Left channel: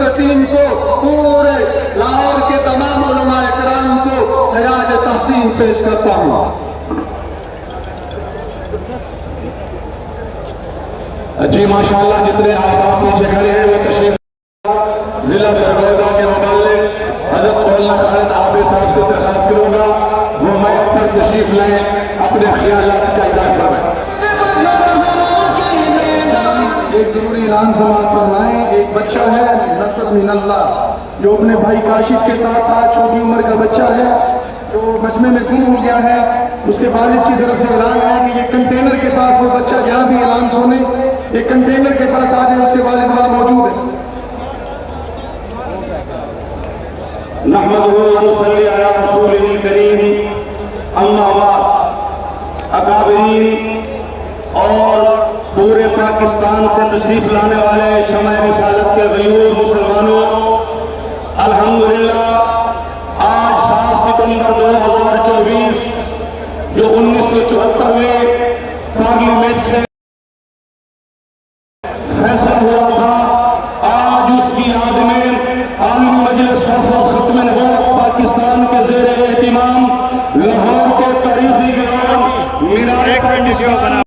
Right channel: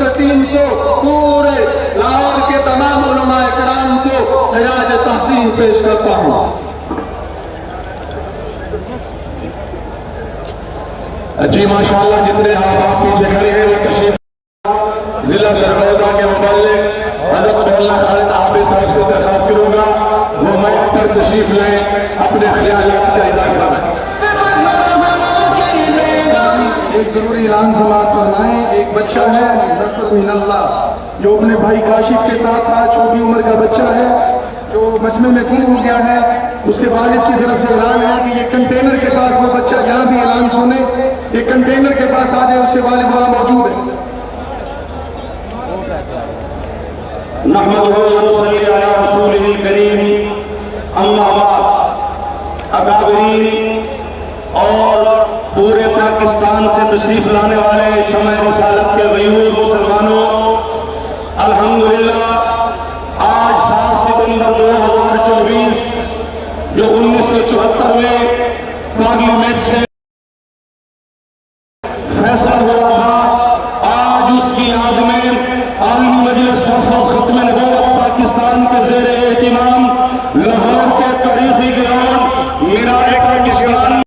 Doctor team کو، پورے لاہور کے تمام علماء کرام کو خراج تحسین پیش کرتا ہوں۔ جی ماشاءاللہ، جتنے آپ پیچھے کھڑے ہیں وہ تشریف ضلع سرگودا کے متعلق حضرت مولانا خالد عابد صاحب سے درخواست کروں گا وہ موقع پر تشریف لائیں، اپنے خیالات کا اظہار کریں۔ ایک ضروری اعلان سماعت فرمائیں۔ ایک بچہ ہے نصر من اللہ جو اپنے بھائی کاشف کے ساتھ تھا، چھوٹی عمر کا بچہ ہے جو مجمع میں گم ہو گیا ہے۔ اس کے والد کی طرف سے اعلان ہے کہ یہ کنٹینر کے پاس وہ بچہ جہاں بھی اعلان سنے یہ کنٹینر کے پاس آ گیا، اس کے والد وہاں موجود ہے۔ نحمدہ و نصلی علی رسولہ الکریم، اما بعد، اکابرین اور پورے پاکستان سے تشریف لانے والے شمع رسالت کے غیور مسلمانوں، الحمدللہ آج 7 ستمبر 2024 جو 1974 میں پارلیمنٹ سے